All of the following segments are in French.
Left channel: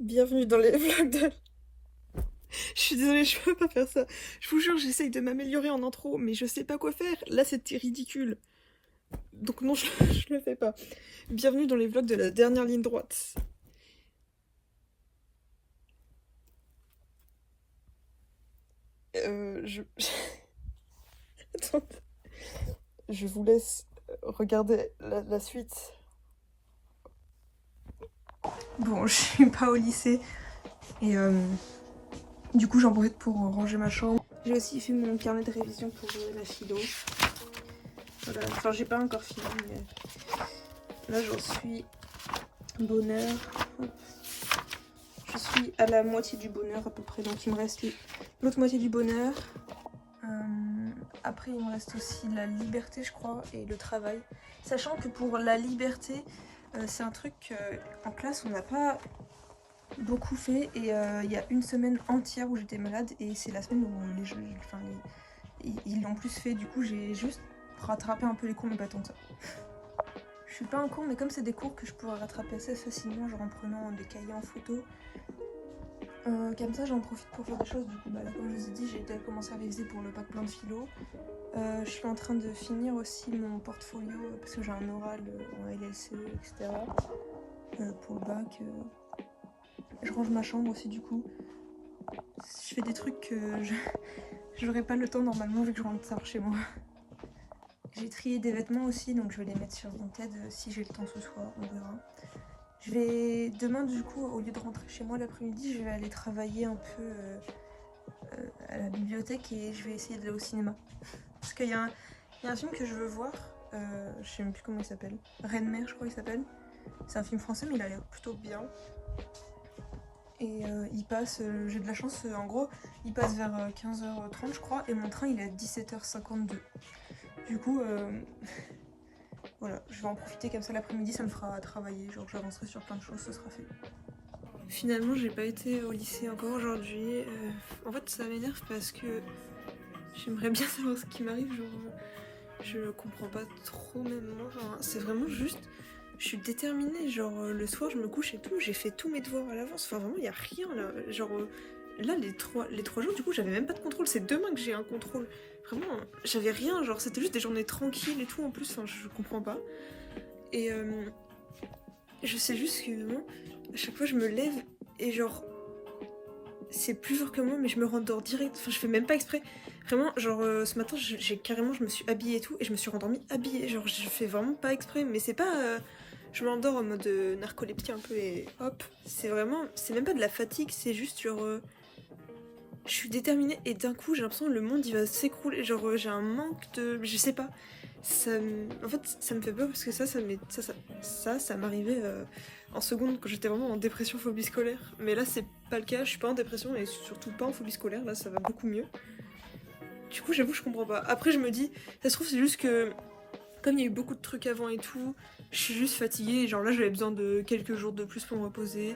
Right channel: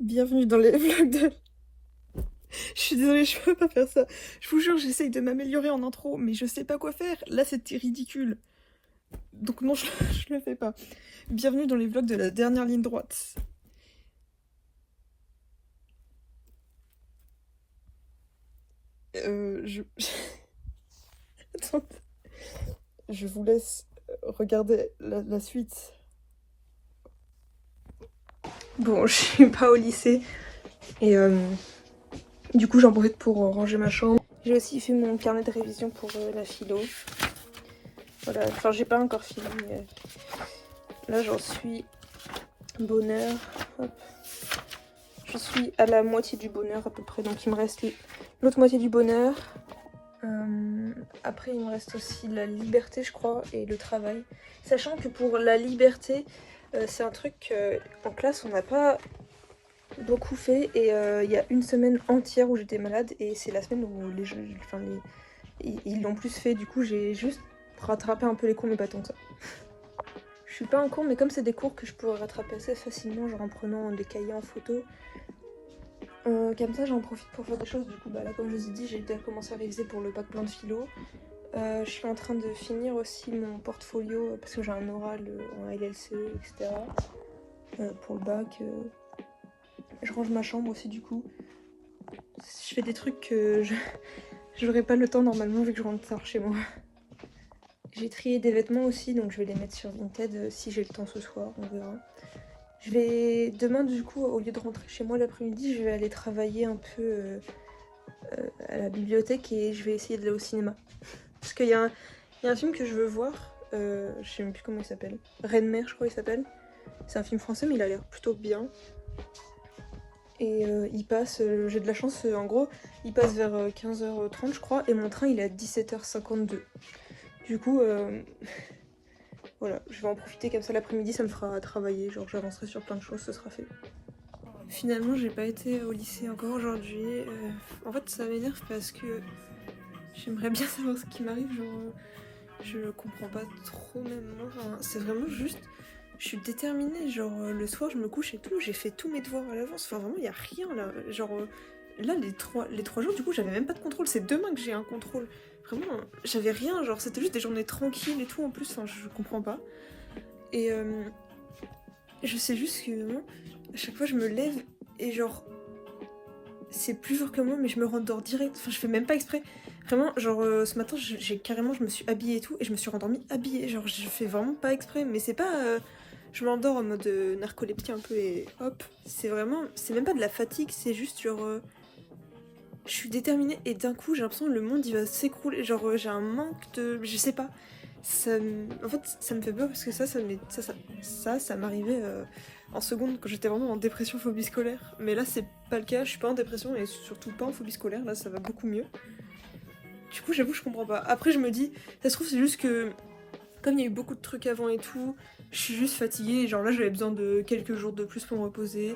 Bienvenue dans les vlogs de... Je suis désolée, je peux pas faire ça. Je vous jure, j'essaye de m'améliorer en intro, mais je sais pas quoi faire. Là, c'était ridicule. Donc non, je le fais pas. Bienvenue dans les vlogs de la dernière ligne droite. Je... Attends. Je vous laisse regarder la suite. Bon, je suis pas au lycée. Et du coup, j'en profite pour ranger ma chambre. J'ai aussi fait mon carnet de révision pour la philo. Voilà, enfin j'ai pas encore fini, mais là j'en suis bonheur. Hop. Je suis à la moitié du bonheur à peu près, donc il me reste l'autre moitié du bonheur. Après il me reste aussi la liberté je crois et le travail. Sachant que pour la liberté, c'est un truc en classe on n'a pas beaucoup fait et il y a une semaine entière où j'étais malade et c'est la semaine où ils l'ont plus fait, du coup j'ai juste rattrapé un peu les cours mais pas tant que ça. Je suis pas un cours, mais comme c'est des cours que je pourrais rattraper assez facilement, genre en prenant des cahiers en photo, comme ça j'en profite pour faire des choses. Du coup, bah là, comme je vous ai dit, j'ai déjà commencé à réviser pour le bac plein de philo. Je suis en train de finir aussi mon portfolio parce que j'ai un oral en LLCE, etc. Pour le bac. Je range ma chambre aussi, du coup. Je fais des trucs que j'aurais pas le temps normalement vu que je rentre tard chez moi. J'ai trié des vêtements aussi, donc je vais les mettre sur Vinted si j'ai le temps ce soir, on verra. Je vais demain du coup, au lieu de rentrer chez moi l'après-midi, je vais aller travailler un peu à la bibliothèque et je vais essayer d'aller au cinéma. Parce qu'il y a un film que je veux voir, je sais même plus comment il s'appelle. Reine-Mère je crois il s'appelle. C'est un film français mais il a l'air plutôt bien. Et il passe, j'ai de la chance, en gros, il passe vers 15h30 je crois et mon train il est à 17h52. Du coup, voilà, je vais en profiter comme ça l'après-midi, ça me fera travailler, genre j'avancerai sur plein de choses, ce sera fait. Finalement, j'ai pas été au lycée encore aujourd'hui. En fait, ça m'énerve parce que j'aimerais bien savoir ce qui m'arrive, genre je comprends pas trop même moi, enfin, c'est vraiment juste, je suis déterminée, genre le soir je me couche et tout, j'ai fait tous mes devoirs à l'avance, enfin vraiment y a rien là, genre là les trois jours du coup j'avais même pas de contrôle, c'est demain que j'ai un contrôle. Vraiment, j'avais rien, genre c'était juste des journées tranquilles et tout en plus, enfin je comprends pas. Et je sais juste que moi, à chaque fois je me lève et genre c'est plus fort que moi mais je me rendors direct, enfin je fais même pas exprès. Vraiment genre ce matin je me suis habillée et tout et je me suis rendormie habillée, genre je fais vraiment pas exprès mais c'est pas je m'endors en mode narcolepsie un peu et hop, c'est vraiment, c'est même pas de la fatigue, c'est juste genre je suis déterminée et d'un coup j'ai l'impression que le monde il va s'écrouler, genre j'ai un manque de, je sais pas, en fait ça me fait peur parce que ça m'arrivait en seconde quand j'étais vraiment en dépression phobie scolaire, mais là c'est pas le cas, je suis pas en dépression et surtout pas en phobie scolaire, là ça va beaucoup mieux. Du coup j'avoue je comprends pas, après je me dis ça se trouve c'est juste que comme il y a eu beaucoup de trucs avant et tout, je suis juste fatiguée et genre là j'avais besoin de quelques jours de plus pour me reposer. De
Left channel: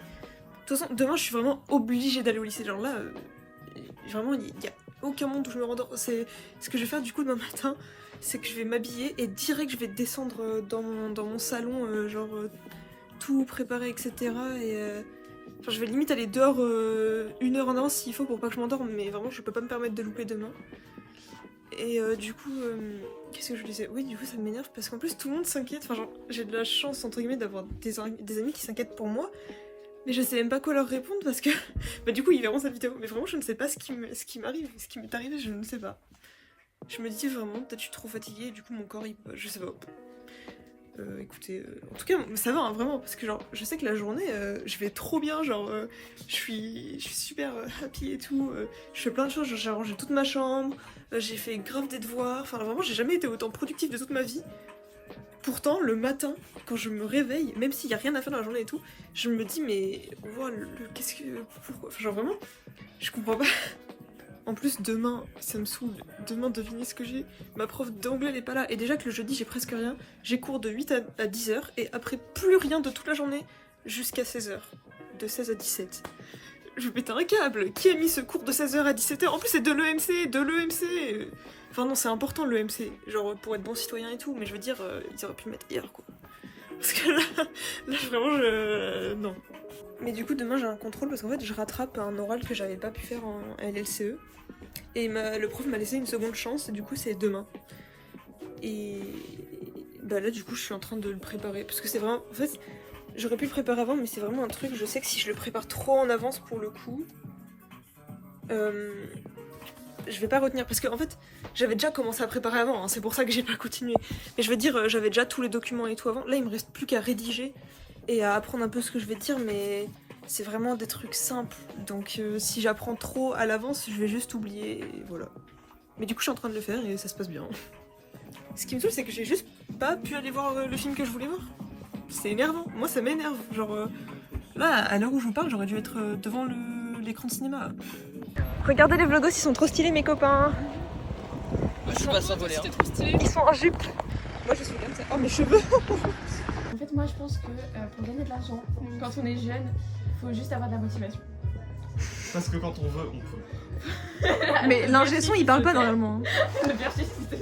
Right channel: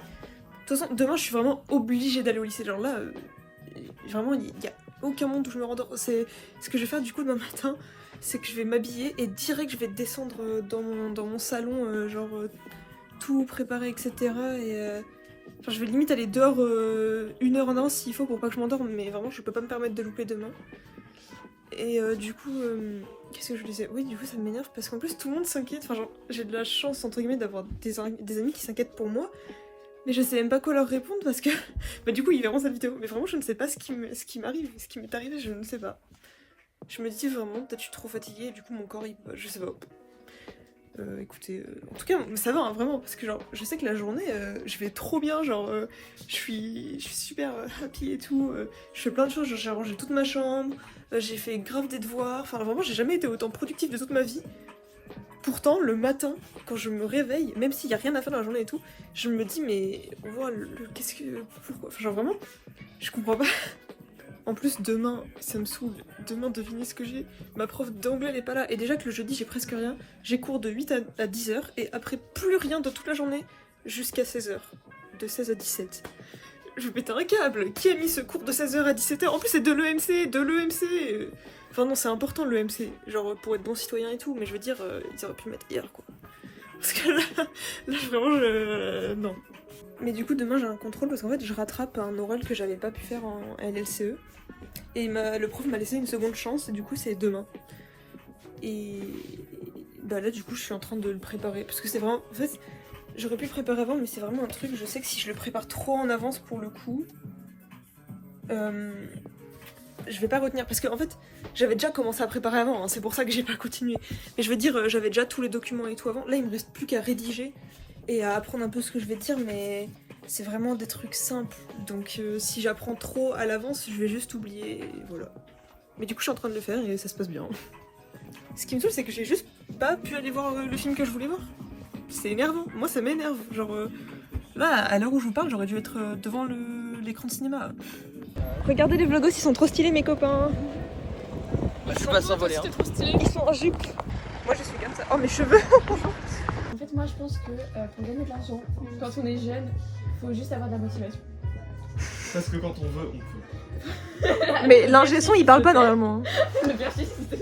toute façon demain je suis vraiment obligée d'aller au lycée, genre là vraiment il y a aucun monde où je me rendors. C'est ce que je vais faire du coup demain matin, c'est que je vais m'habiller et direct je vais descendre dans mon salon, tout préparé etc. Et enfin, je vais limite aller dehors 1 heure en avance s'il faut pour pas que je m'endorme, mais vraiment je peux pas me permettre de louper demain. Et du coup, qu'est-ce que je disais? Oui, du coup, ça m'énerve parce qu'en plus, tout le monde s'inquiète. Enfin, genre, j'ai de la chance, entre guillemets, d'avoir des amis qui s'inquiètent pour moi. Mais je sais même pas quoi leur répondre parce que. Bah, du coup, ils verront cette vidéo. Mais vraiment, je ne sais pas ce qui m'arrive. Ce qui m'est arrivé, je ne sais pas. Je me dis vraiment, peut-être je suis trop fatiguée et du coup, mon corps, il peut. Je sais pas. Écoutez, en tout cas, ça va, hein, vraiment. Parce que, genre, je sais que la journée, je vais trop bien. Genre, je suis super happy et tout. Je fais plein de choses. Genre, j'ai rangé toute ma chambre. J'ai fait grave des devoirs, enfin vraiment j'ai jamais été autant productive de toute ma vie. Pourtant le matin, quand je me réveille, même s'il y a rien à faire dans la journée et tout, je me dis mais wow, qu'est-ce que... Pourquoi? Enfin genre vraiment, je comprends pas. En plus demain, ça me saoule, demain devinez ce que j'ai. Ma prof d'anglais n'est pas là et déjà que le jeudi j'ai presque rien. J'ai cours de 8 à 10h et après plus rien de toute la journée jusqu'à 16h. De 16 à 17. Je vais péter un câble. Qui a mis ce cours de 16h à 17h? En plus, c'est de l'EMC. Enfin, non, c'est important l'EMC, genre pour être bon citoyen et tout, mais je veux dire, ils auraient pu le mettre hier, quoi. Parce que là vraiment, non. Mais du coup, demain j'ai un contrôle parce qu'en fait, je rattrape un oral que j'avais pas pu faire en LLCE. Et le prof m'a laissé une seconde chance, et du coup, c'est demain. Et bah là, du coup, je suis en train de le préparer. Parce que c'est vraiment. En fait, j'aurais pu le préparer avant, mais c'est vraiment un truc. Je sais que si je le prépare trop en avance pour le coup, je vais pas retenir. Parce que en fait, j'avais déjà commencé à préparer avant, hein, c'est pour ça que j'ai pas continué. Mais je veux dire, j'avais déjà tous les documents et tout avant. Là, il me reste plus qu'à rédiger et à apprendre un peu ce que je vais dire, mais c'est vraiment des trucs simples. Donc si j'apprends trop à l'avance, je vais juste oublier, et voilà. Mais du coup, je suis en train de le faire et ça se passe bien. Ce qui me saoule, c'est que j'ai juste pas pu aller voir le film que je voulais voir. C'est énervant. Moi, ça m'énerve. Genre, là, à l'heure où je vous parle, j'aurais dû être devant l'écran de cinéma. Regardez les vlogos, ils sont trop stylés, mes copains. Moi, je suis pas survolé. Hein. Trop stylé. Ils sont en jupe. Moi, je suis comme ça. Oh, mes cheveux. En fait, moi je pense que pour gagner de l'argent, quand on est jeune, faut juste avoir de la motivation. Parce que quand on veut, on peut. Mais l'ingé son, il parle pas normalement. Le perchiste,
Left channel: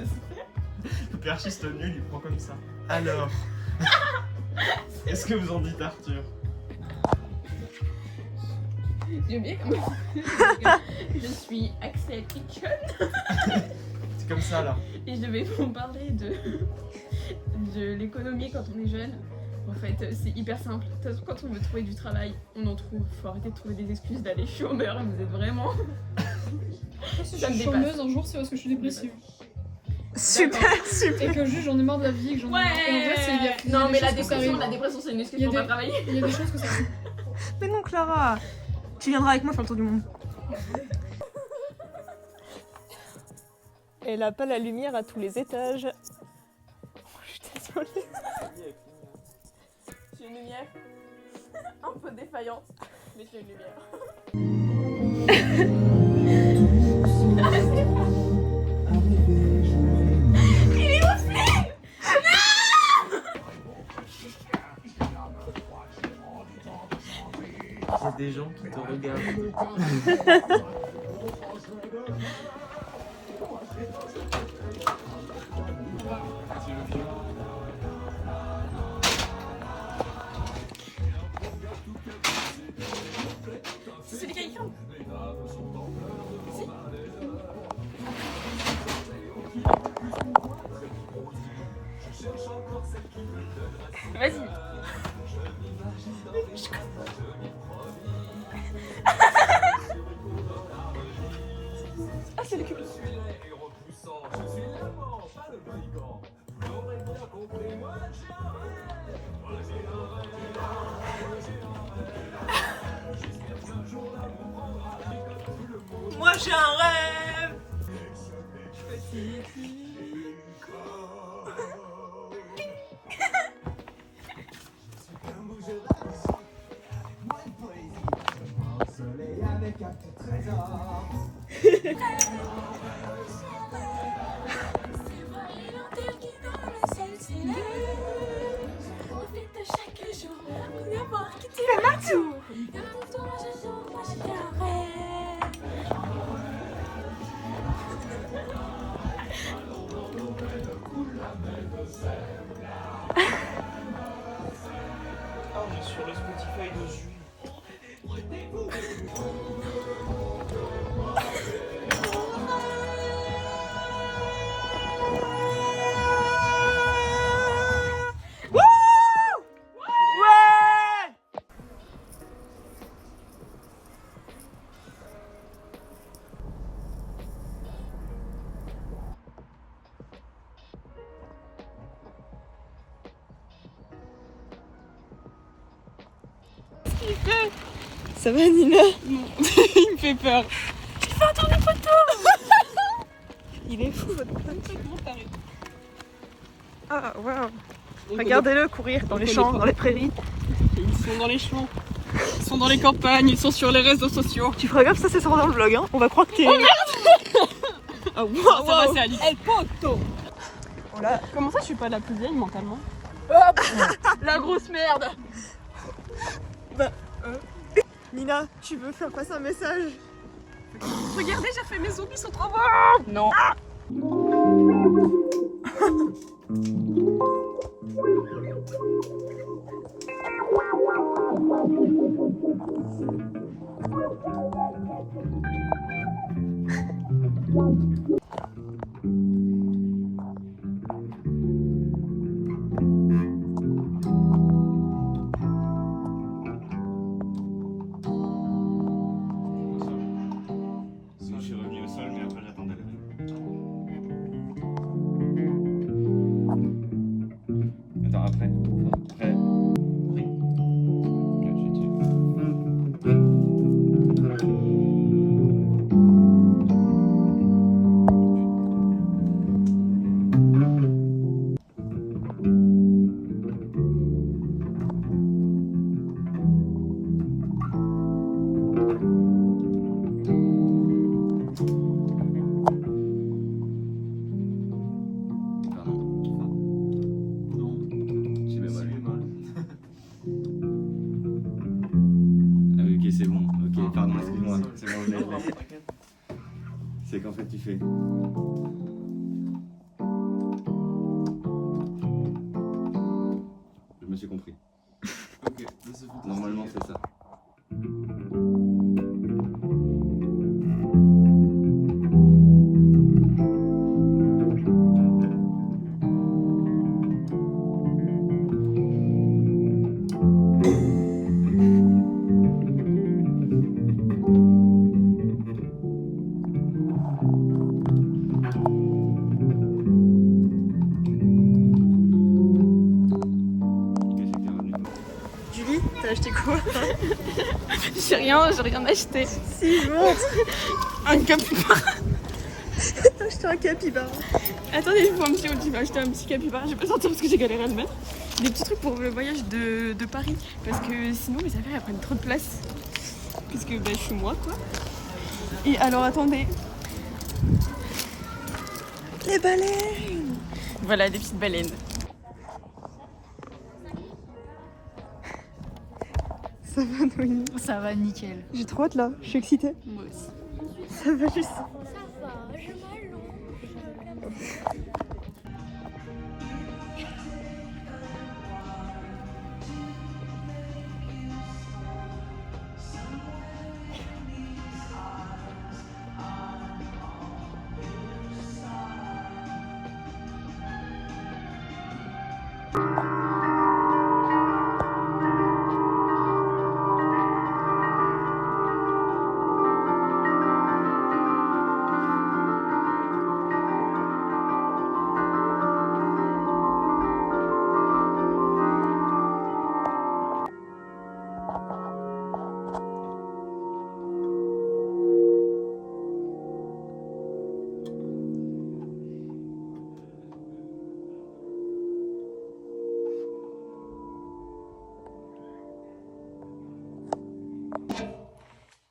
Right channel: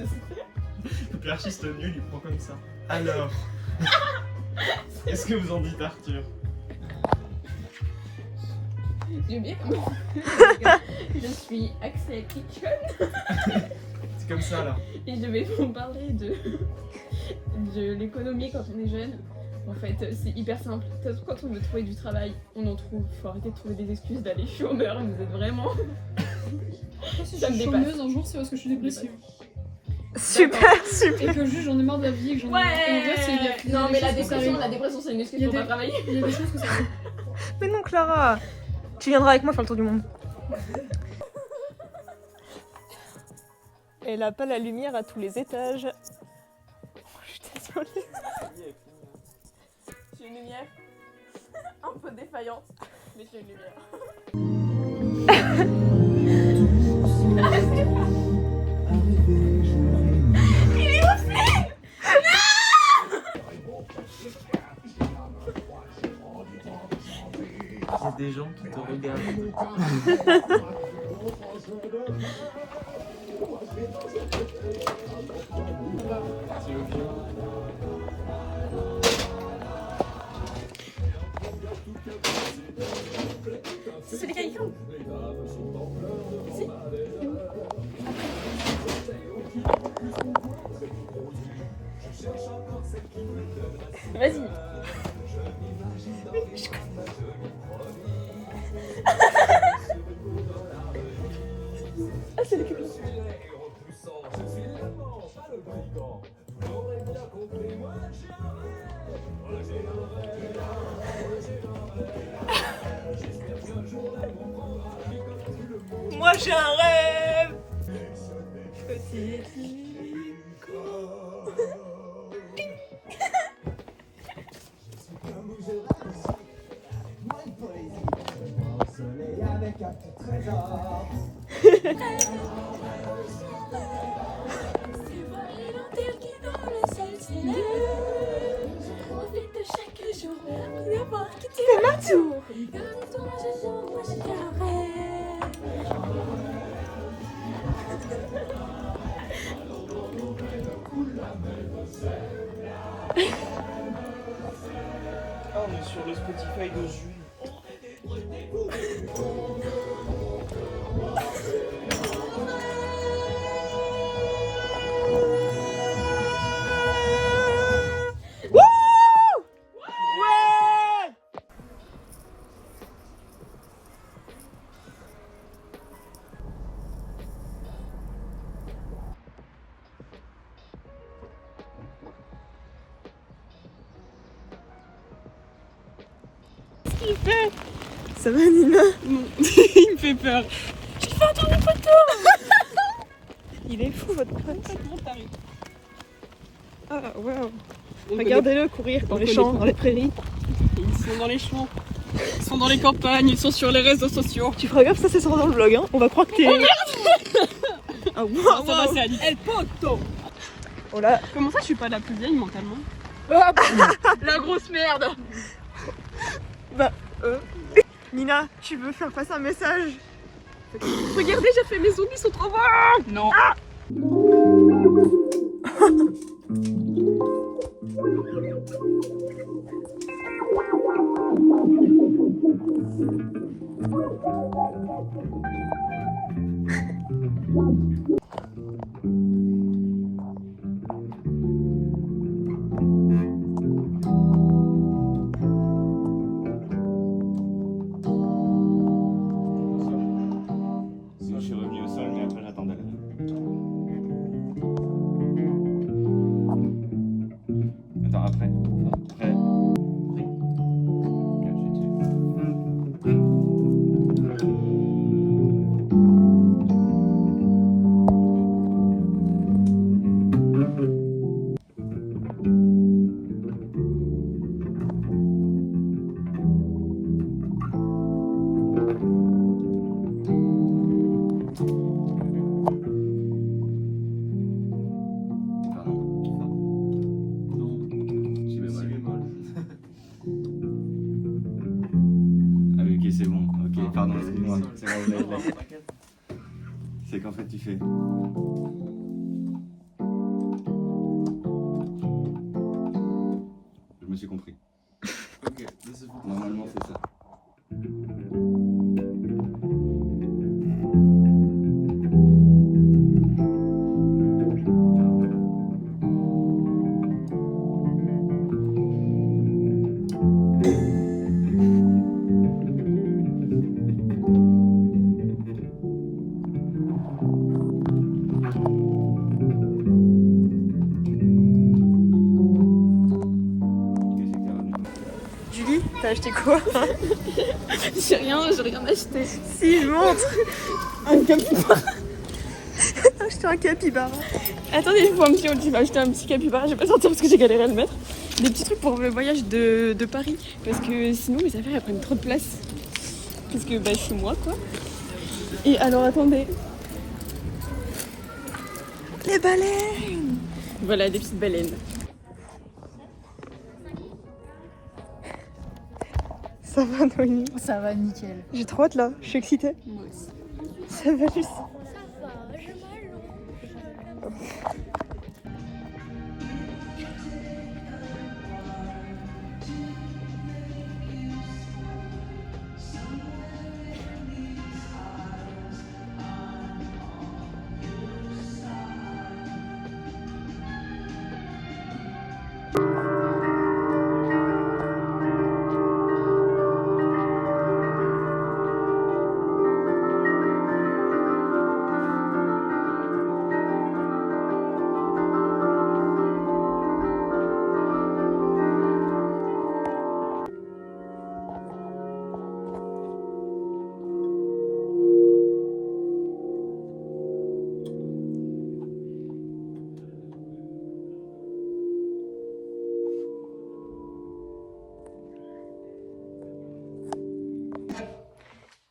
Le perchiste nul, il prend comme ça. Alors, est-ce que vous en dites Arthur? j'ai oublié comment. Je suis Axel Kitchen C'est comme ça là. et je vais vous parler de l'économie quand on est jeune. En fait, c'est hyper simple. De toute façon, quand on veut trouver du travail, on en trouve. Faut arrêter de trouver des excuses d'aller chômeur. Vous êtes vraiment. Ça me dépasse. Chômeuse un jour, c'est parce que je suis dépressive. Super, super. Et que juste j'en ai marre de la vie et que j'en ai marre. Et en vrai, il y a Non, mais des la choses que ça dépression, arrive. c'est une excuse Il y a pour pas des- travailler. Il y a des choses que ça arrive. Mais non, Clara. Tu viendras avec moi faire le tour du monde. Elle a pas la lumière à tous les étages. Oh, je suis désolée. J'ai une lumière un peu défaillante, mais j'ai une lumière. Il y a des gens qui te regardent. C'est celui qui a écrit. Vas-y. Ah, c'est le cul. Moi, j'ai un rêve. C'est ma tour. Ah, on est sur le Spotify de Jules. Ouais. Ça va, Nina? Non, il me fait peur. Il est fou, votre pote. Comment t'arrives? Ah, waouh. Regardez-le courir dans les champs, dans les prairies. Ils sont dans les champs. Ils sont dans les campagnes. Ils sont sur les réseaux sociaux. Tu feras gaffe, ça c'est sur dans le vlog, hein. On va croire que t'es... Ah, waouh, Ça va, waouh. c'est Alice. El Poto. Oh là. Comment ça, je suis pas la plus vieille mentalement? La grosse merde. Nina, tu veux faire passer un message? Regardez, j'ai fait mes zombies, ils sont trop bons. Non. Je suis revenu au sol, mais après j'attendais. Attends, après. Après. Oui. Ok, je suis dessus. Si bémol. Ah oui, ok, c'est bon. Ok, pardon, excuse-moi. C'est bon, je laisse. C'est qu'en fait, tu fais. Je me suis compris. Ok, là c'est bon. Normalement, c'est ça. Ok, c'est clair. Julie, t'as acheté quoi? J'ai rien acheté. Si, bon. Un capybara. T'as acheté un capybara. Attendez, je vois un petit, tu vas acheter un petit capybara. Je vais pas sortir parce que j'ai galéré à le mettre. Des petits trucs pour le voyage de Paris. Parce que sinon mes affaires elles prennent trop de place. Puisque bah, je suis moi quoi. Et alors attendez. Les baleines. Voilà des petites baleines. Ça va, Noémie? Ça va nickel. J'ai trop hâte là, je suis excitée. Moi aussi. Ça va juste. Ça va, je m'allonge.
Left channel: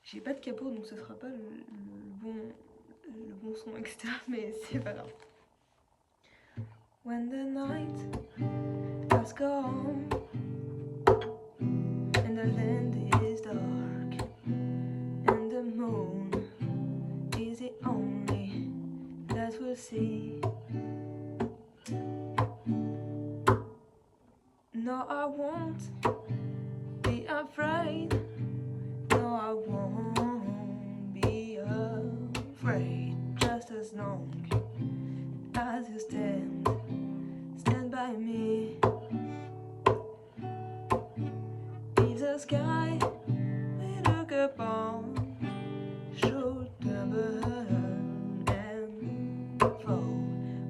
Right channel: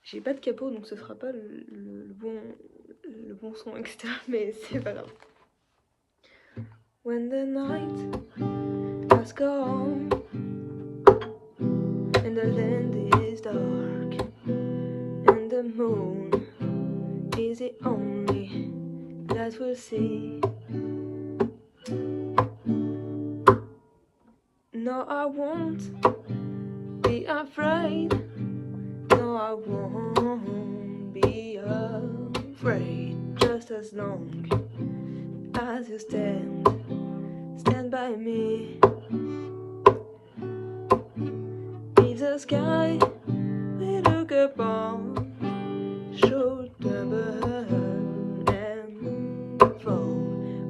J'ai pas de capot donc ce sera pas le bon son, etc. Mais c'est pas grave. When the night has come and the land is dark and the moon is the only that we'll see. No, I won't be afraid. No, I won't be afraid. Just as long as you stand by me. If the sky we look upon should tremble and fall,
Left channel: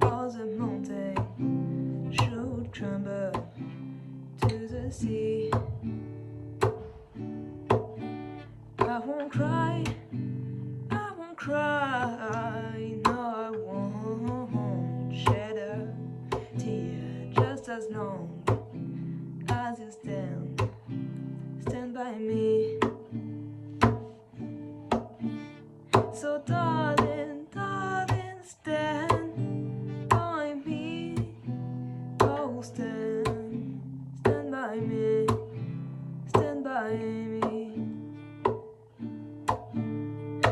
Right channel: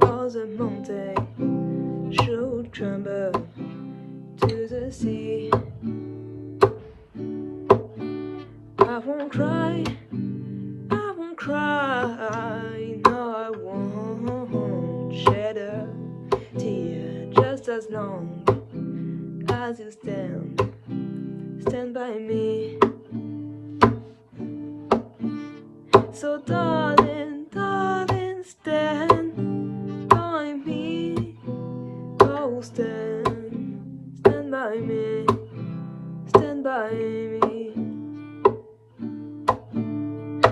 or the mountain should tremble to the sea, I won't cry, I won't cry, no, I won't shed a tear. Just as long as you stand by me. So darling, darling, stand by me. Oh, stand by me, stand by me.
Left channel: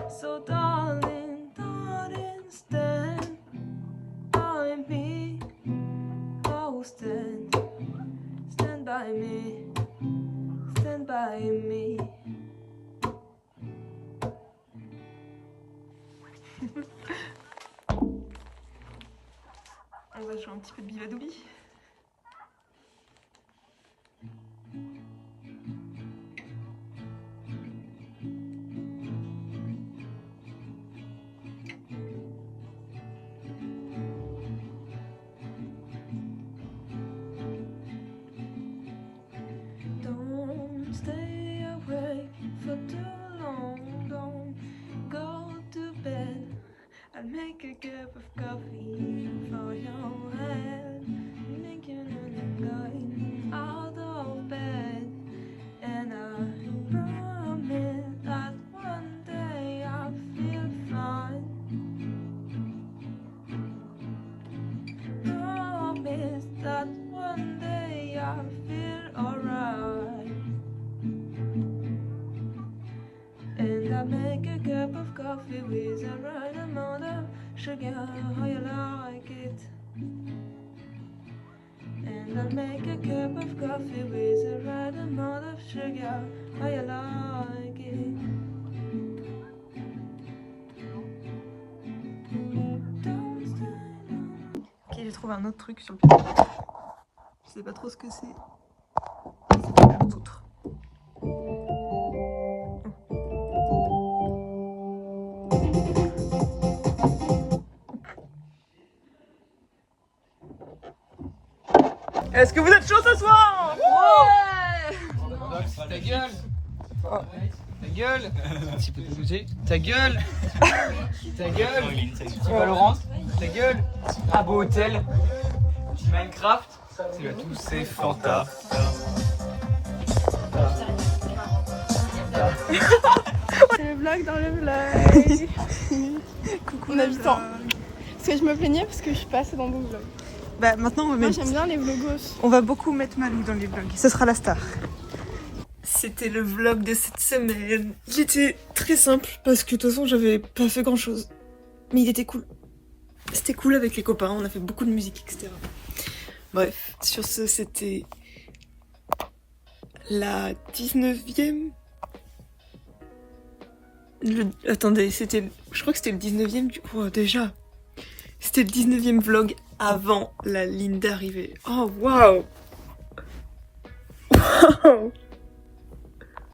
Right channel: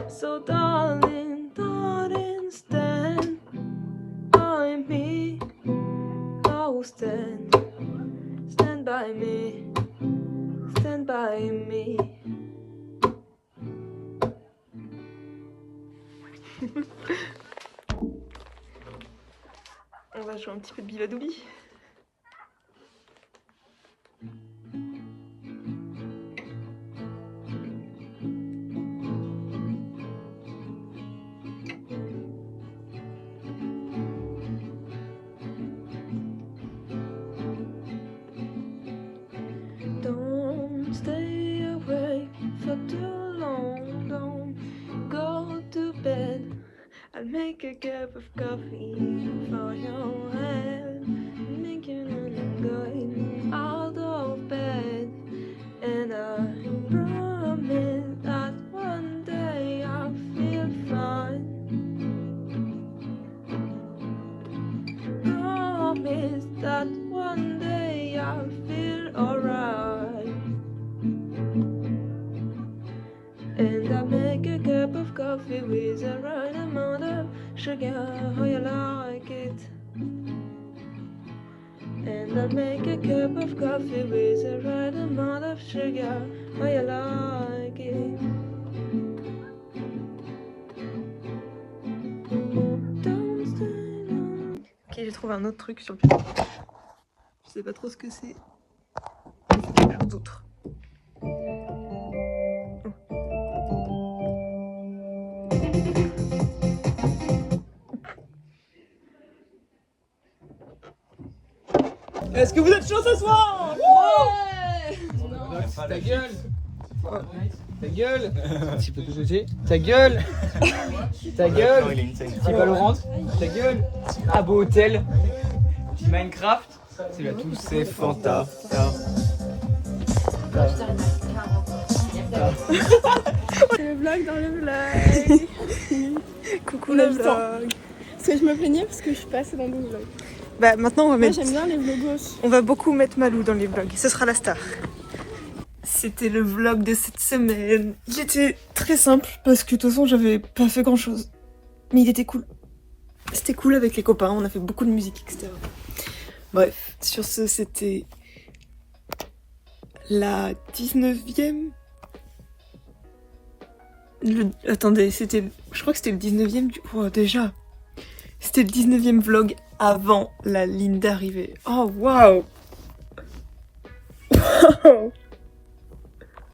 So darling, darling, stand by me. Oh, stand by me, stand by On va jouer un petit peu de Bivadoubi. Don't stay awake for too long, don't go to bed. I'll make a cup of coffee for your head, making and going out of bed. And I promise that one day I'll feel fine. Promise that one day I'll feel alright. And I make a cup of coffee with the right amount of sugar, how you like it. And I make a cup of coffee with the right amount of sugar, how you like it. Don't stay down. Ok, j'ai trouvé un autre truc sur le piano. Je sais pas trop ce que c'est. Mais c'est quelque chose d'autre. Est-ce que vous êtes chaud ce soir? Ta gueule! Ta gueule! Un petit peu de côté. Ta gueule! Ta gueule! Petit Valorant. Ta gueule! Un beau hôtel. Petit Minecraft. C'est là tous ces fantasmes. Le vlog dans le vlog. Coucou On le a le temps. vlog. Parce que je me plaignais parce que je suis pas assez dans mon vlog. Bah maintenant on va Moi mettre... j'aime bien les vlogos. On va beaucoup mettre Malou dans les vlogs. Ce sera la star. C'était le vlog de cette semaine. Il était très simple parce que de toute façon j'avais pas fait grand chose. Mais il était cool. C'était cool avec les copains, on a fait beaucoup de musique, etc. Bref, sur ce c'était la 19e. Attendez, c'était... Je crois que c'était le 19e du... Oh, déjà. C'était le 19e vlog avant la ligne d'arrivée. Oh, waouh! Wow.